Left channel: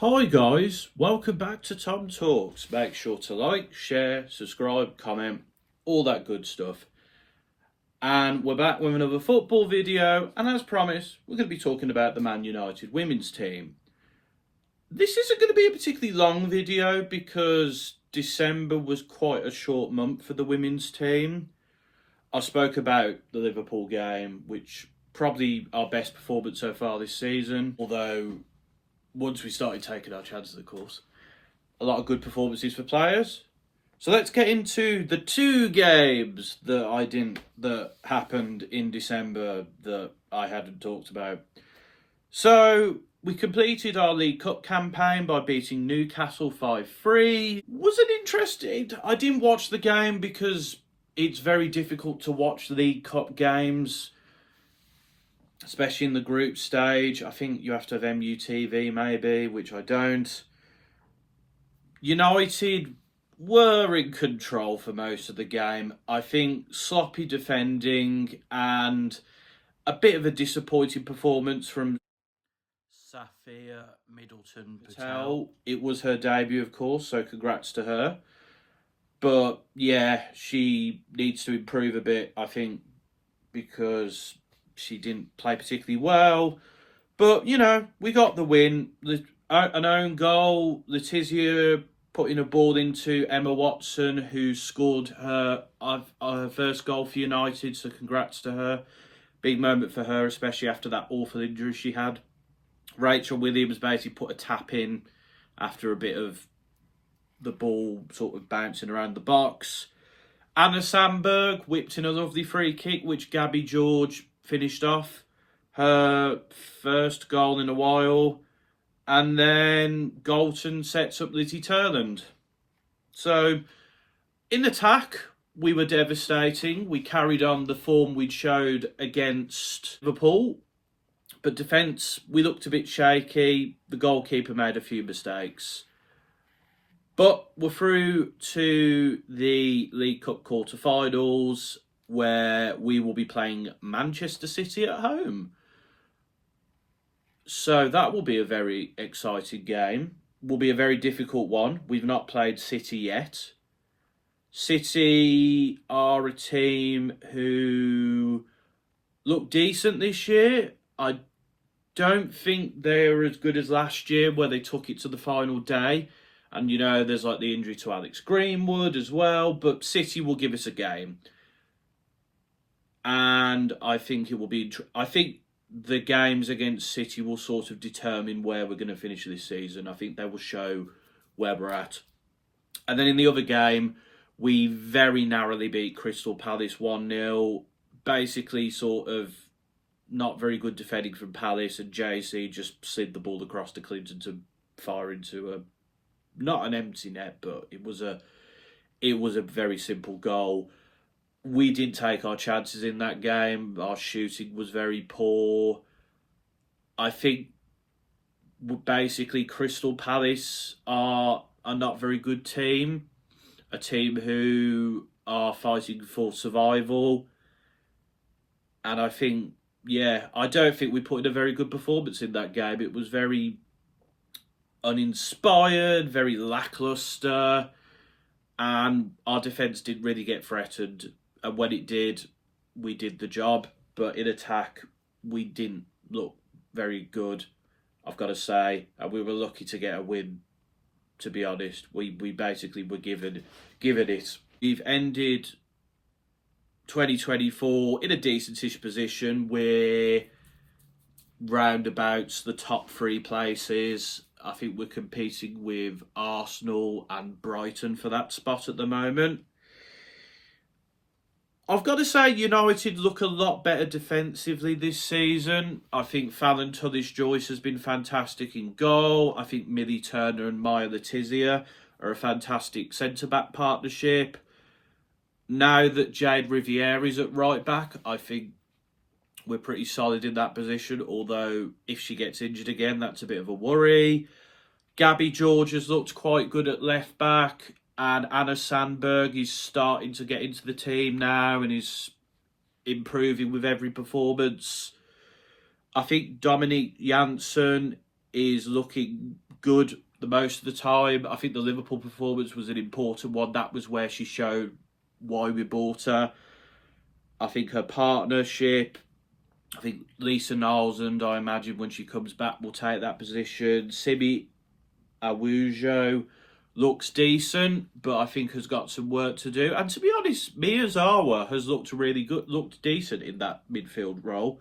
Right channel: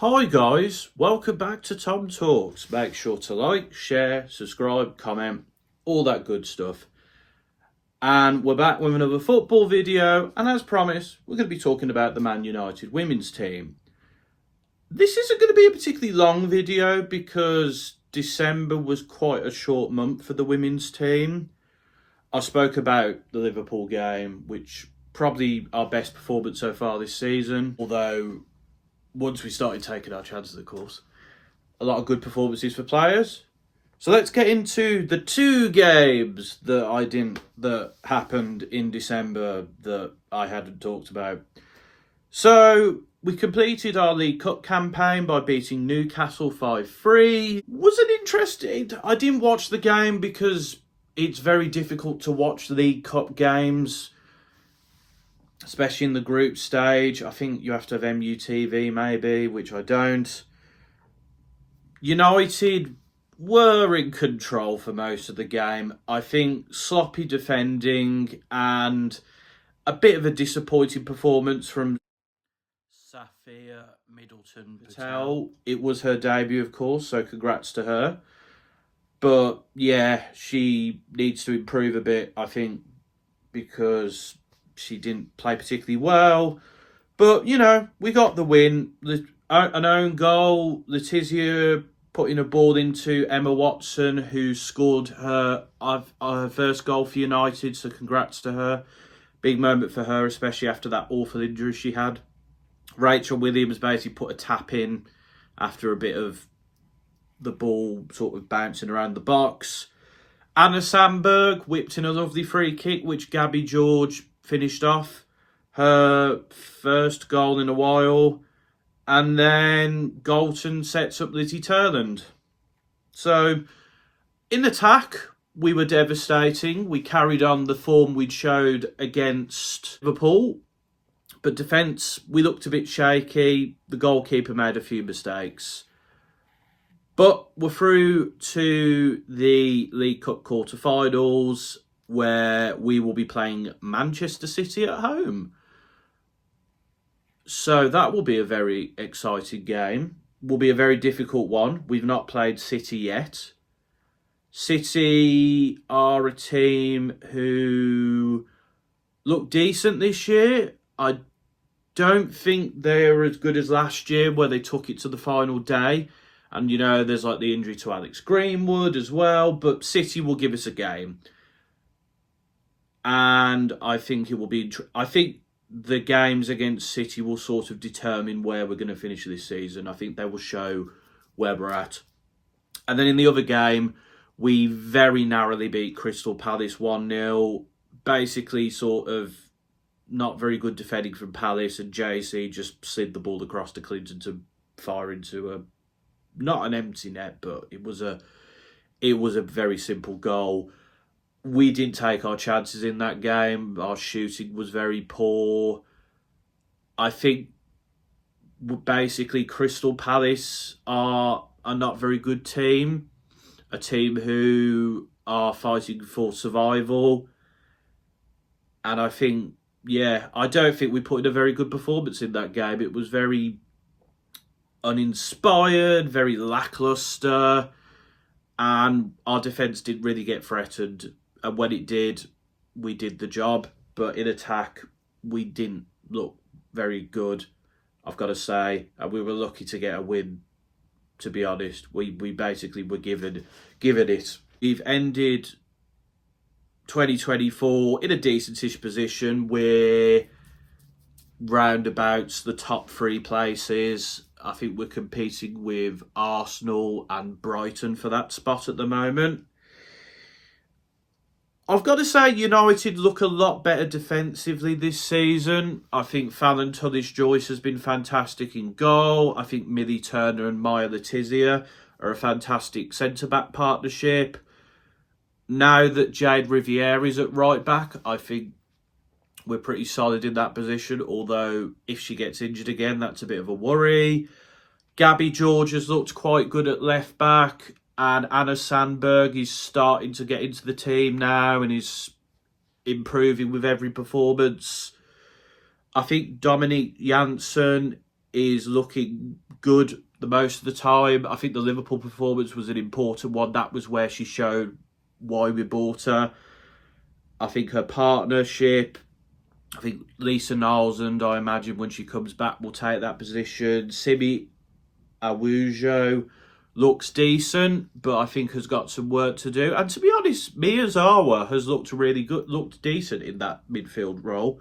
Hi guys, welcome back to TomTalks. Make sure to like, share, subscribe, comment, all that good stuff. And we're back with another football video, and as promised, we're going to be talking about the Man United women's team. This isn't going to be a particularly long video because December was quite a short month for the women's team. I spoke about the Liverpool game, which probably our best performance so far this season, although once we started taking our chances, of course. A lot of good performances for players. So let's get into the two games that happened in December that I hadn't talked about. So we completed our League Cup campaign by beating Newcastle 5-3. Wasn't interested. I didn't watch the game because it's very difficult to watch League Cup games, especially in the group stage. I think you have to have MUTV maybe, which I don't. United were in control for most of the game. I think sloppy defending and a bit of a disappointing performance from Safia Middleton Patel. It was her debut, of course, so congrats to her. But yeah, she needs to improve a bit, I think, because she didn't play particularly well. But, we got the win. An own goal, Letizia putting a ball into Emma Watson, who scored her first goal for United, so congrats to her. Big moment for her, especially after that awful injury she had. Rachel Williams basically put a tap in after a bit of the ball sort of bouncing around the box. Anna Sandberg whipped in a lovely free kick, which Gabby George finished off. Her first goal in a while. And then Galton sets up Lizzie Turland. So, in attack, we were devastating. We carried on the form we'd showed against Liverpool. But defence, we looked a bit shaky. The goalkeeper made a few mistakes. But we're through to the League Cup quarter-finals, where we will be playing Manchester City at home. So that will be a very exciting game. Will be a very difficult one. We've not played City yet. City are a team who look decent this year. I don't think they're as good as last year, where they took it to the final day. And, there's like the injury to Alex Greenwood as well. But City will give us a game. And I think it will be... I think the games against City will sort of determine where we're going to finish this season. I think they will show where we're at. And then in the other game, we very narrowly beat Crystal Palace 1-0. Basically sort of not very good defending from Palace, and JC just slid the ball across to Clinton to fire into not an empty net, but it was a very simple goal. We didn't take our chances in that game. Our shooting was very poor. I think basically Crystal Palace are a not very good team. A team who are fighting for survival. And I think, I don't think we put in a very good performance in that game. It was very uninspired, very lacklustre. And our defence didn't really get threatened. And when it did, we did the job. But in attack, we didn't look very good, I've got to say. And we were lucky to get a win, to be honest. We basically were given it. We've ended 2024 in a decentish position. We're roundabouts the top three places. I think we're competing with Arsenal and Brighton for that spot at the moment. I've got to say, United look a lot better defensively this season. I think Fallon Tullis-Joyce has been fantastic in goal. I think Millie Turner and Maya Letizia are a fantastic centre-back partnership. Now that Jade Riviere is at right-back, I think we're pretty solid in that position. Although, if she gets injured again, that's a bit of a worry. Gabby George has looked quite good at left-back. And Anna Sandberg is starting to get into the team now and is improving with every performance. I think Dominique Janssen is looking good the most of the time. I think the Liverpool performance was an important one. That was where she showed why we bought her. I think her partnership, I think Lisa Nalsand, I imagine when she comes back, will take that position. Simi Awujo looks decent, but I think has got some work to do. And to be honest, Miyazawa has looked really good, looked decent in that midfield role.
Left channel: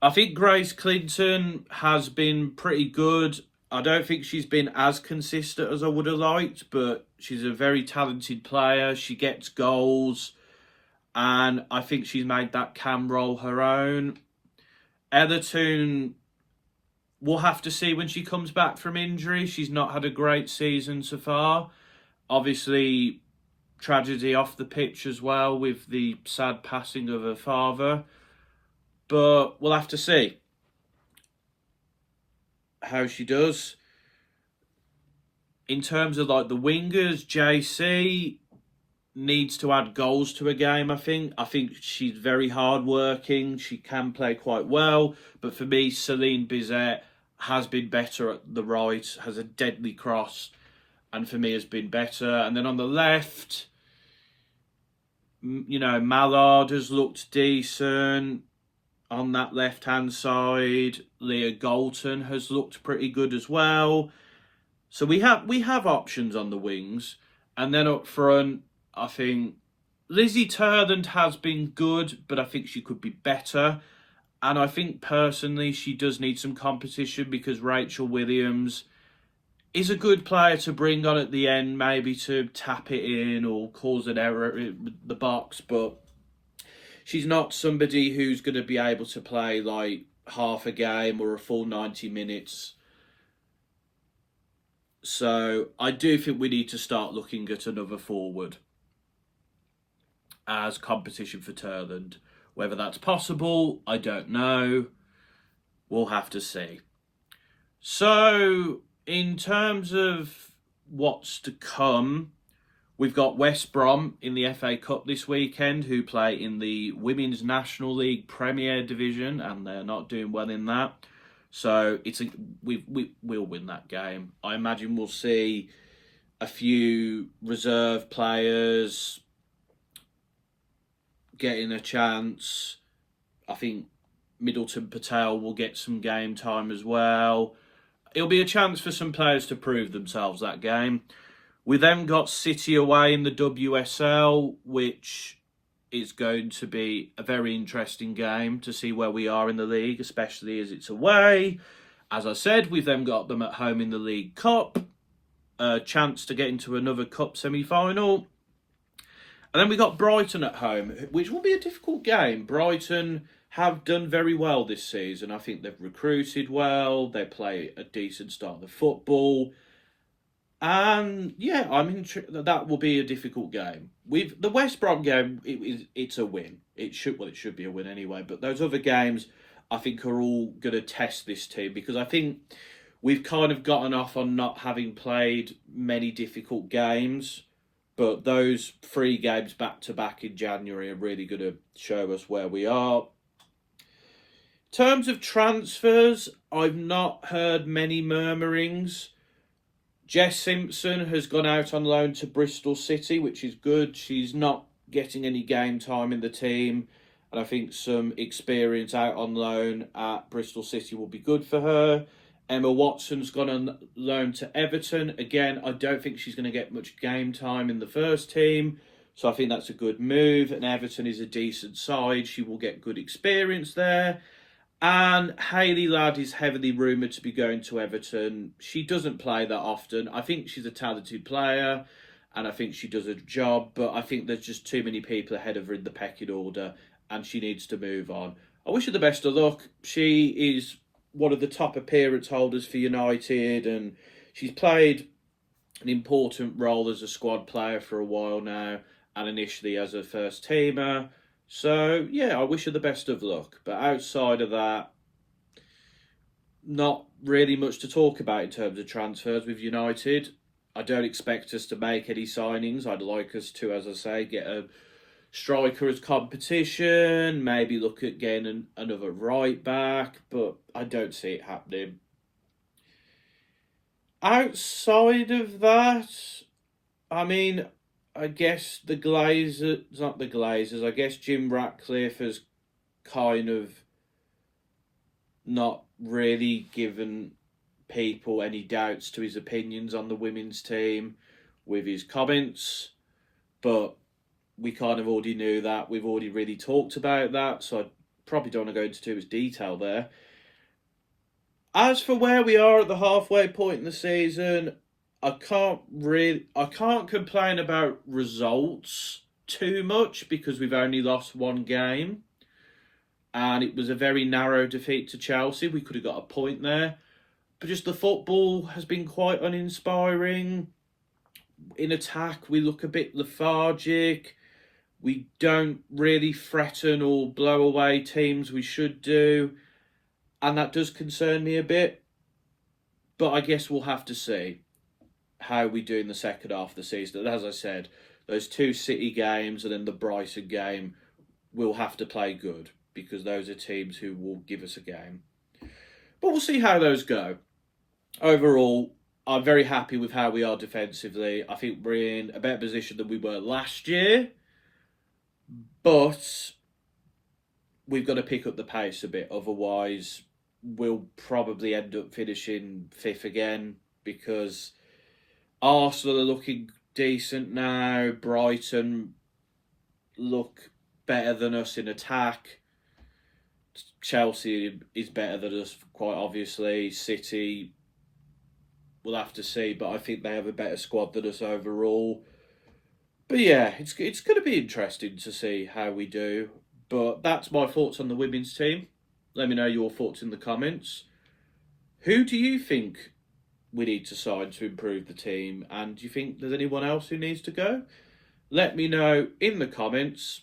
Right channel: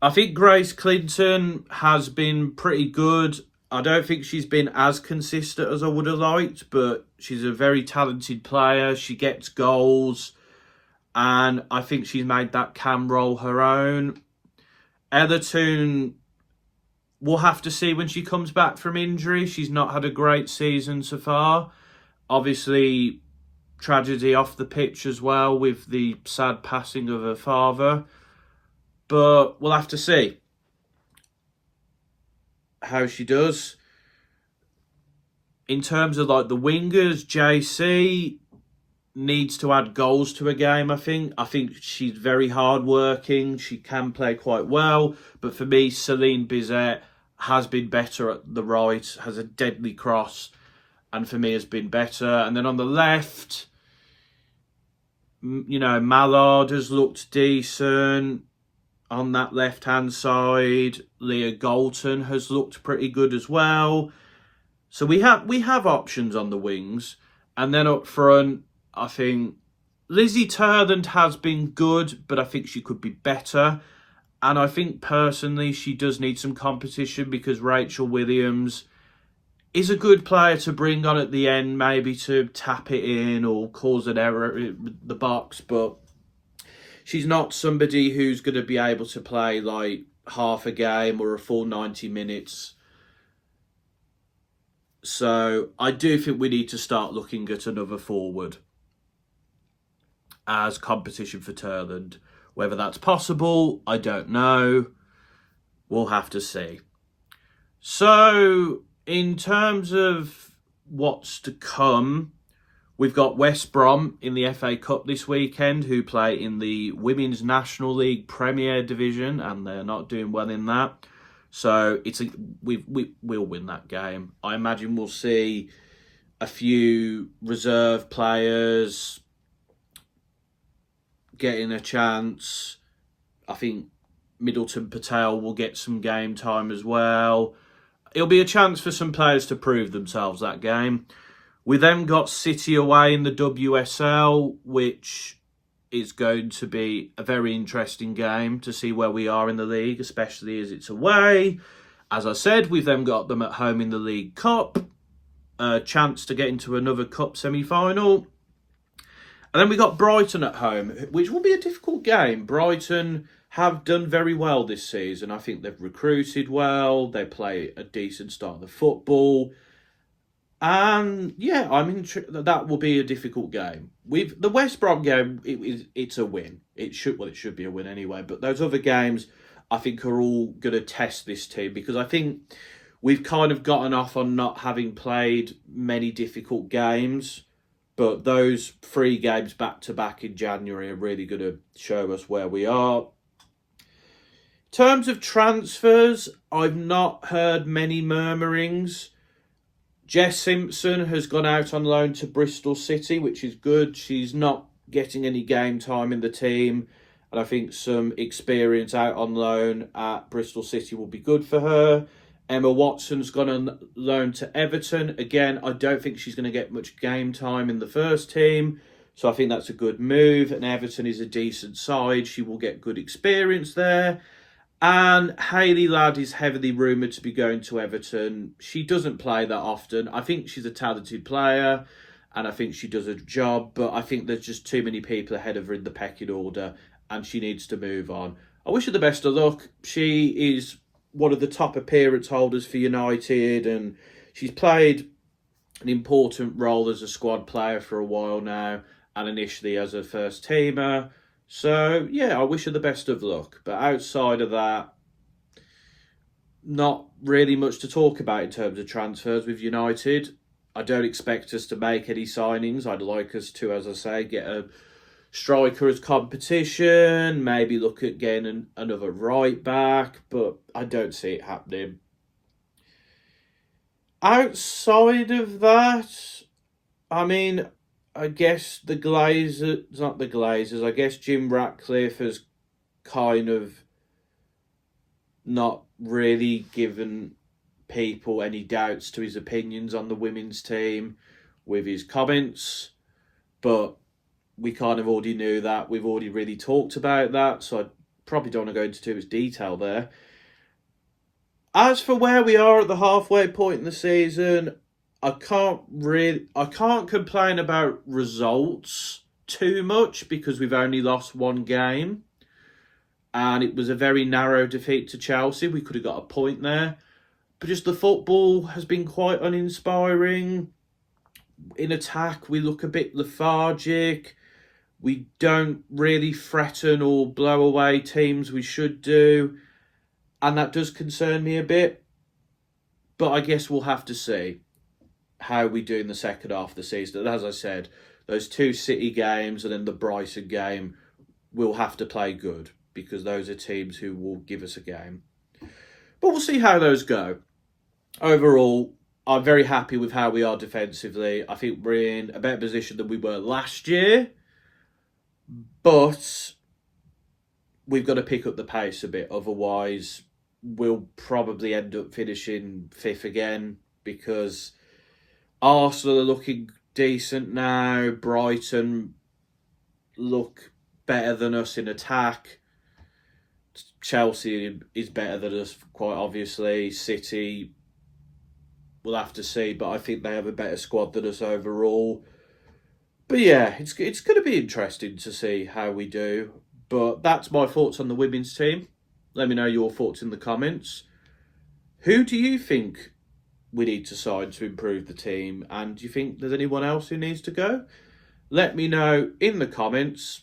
I think Grace Clinton has been pretty good. I don't think she's been as consistent as I would have liked, but she's a very talented player. She gets goals, and I think she's made that cam role her own. Ellerton, we'll have to see when she comes back from injury. She's not had a great season so far. Obviously, tragedy off the pitch as well with the sad passing of her father. But we'll have to see how she does. In terms of like the wingers, JC needs to add goals to a game, I think. I think she's very hardworking. She can play quite well. But for me, Celine Bizet has been better at the right, has a deadly cross, and for me has been better. And then on the left, you know, Mallard has looked decent. On that left-hand side, Leah Galton has looked pretty good as well. So we have options on the wings. And then up front, I think Lizzie Turland has been good, but I think she could be better. And I think personally she does need some competition because Rachel Williams is a good player to bring on at the end, maybe to tap it in or cause an error in the box, but she's not somebody who's going to be able to play like half a game or a full 90 minutes. So I do think we need to start looking at another forward as competition for Turland. Whether that's possible, I don't know. We'll have to see. So in terms of what's to come, we've got West Brom in the FA Cup this weekend, who play in the Women's National League Premier Division, and they're not doing well in that. So we'll win that game. I imagine we'll see a few reserve players getting a chance. I think Middleton Patel will get some game time as well. It'll be a chance for some players to prove themselves that game. We then got City away in the WSL, which is going to be a very interesting game to see where we are in the league, especially as it's away. As I said, we've then got them at home in the League Cup, a chance to get into another cup semi-final. And then we got Brighton at home, which will be a difficult game. Brighton have done very well this season. I think they've recruited well. They play a decent style of football. And yeah, that will be a difficult game. With the West Brom game, it's a win. It should be a win anyway. But those other games, I think, are all going to test this team because I think we've kind of gotten off on not having played many difficult games. But those 3 games back to back in January are really going to show us where we are. In terms of transfers, I've not heard many murmurings. Jess Simpson has gone out on loan to Bristol City, which is good. She's not getting any game time in the team. And I think some experience out on loan at Bristol City will be good for her. Emma Watson's gone on loan to Everton. Again, I don't think she's going to get much game time in the first team. So I think that's a good move. And Everton is a decent side. She will get good experience there. And Hayley Ladd is heavily rumoured to be going to Everton. She doesn't play that often. I think she's a talented player. And I think she does a job. But I think there's just too many people ahead of her in the pecking order. And she needs to move on. I wish her the best of luck. She is one of the top appearance holders for United, and she's played an important role as a squad player for a while now, and initially as a first teamer. So yeah, I wish her the best of luck. But outside of that, not really much to talk about in terms of transfers with United. I don't expect us to make any signings. I'd like us to, as I say, get a striker as competition, maybe look at getting another right back, but I don't see it happening. Outside of that, I mean, I guess the Glazers, not the Glazers, I guess Jim Ratcliffe has kind of not really given people any doubts to his opinions on the women's team with his comments, but we kind of already knew that. We've already really talked about that, so I probably don't want to go into too much detail there. As for where we are at the halfway point in the season, I can't complain about results too much because we've only lost one game and it was a very narrow defeat to Chelsea. We could have got a point there. But just the football has been quite uninspiring. In attack, we look a bit lethargic. We don't really threaten or blow away teams we should do. And that does concern me a bit. But I guess we'll have to see how we do in the second half of the season. And as I said, those two City games and then the Brighton game, we'll have to play good because those are teams who will give us a game. But we'll see how those go. Overall, I'm very happy with how we are defensively. I think we're in a better position than we were last year. But we've got to pick up the pace a bit. Otherwise, we'll probably end up finishing fifth again because Arsenal are looking decent now. Brighton look better than us in attack. Chelsea is better than us, quite obviously. City, we'll have to see, but I think they have a better squad than us overall. But yeah, it's going to be interesting to see how we do. But that's my thoughts on the women's team. Let me know your thoughts in the comments. Who do you think we need to sign to improve the team? And do you think there's anyone else who needs to go? Let me know in the comments.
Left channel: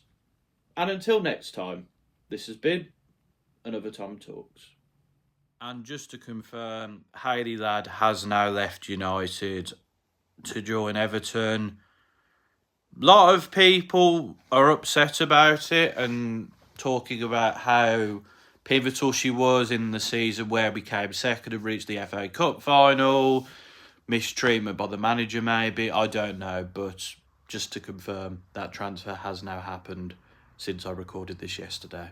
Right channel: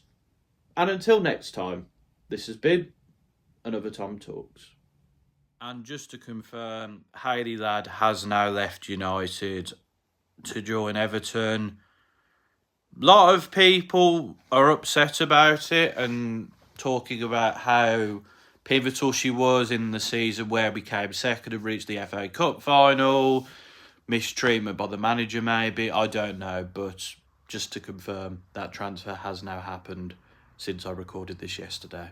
And until next time, this has been another TomTalks. And just to confirm, Hayley Ladd has now left United to join Everton. A lot of people are upset about it and talking about how pivotal she was in the season where we came second and reached the FA Cup final. Mistreatment by the manager, maybe. I don't know. But just to confirm, that transfer has now happened since I recorded this yesterday.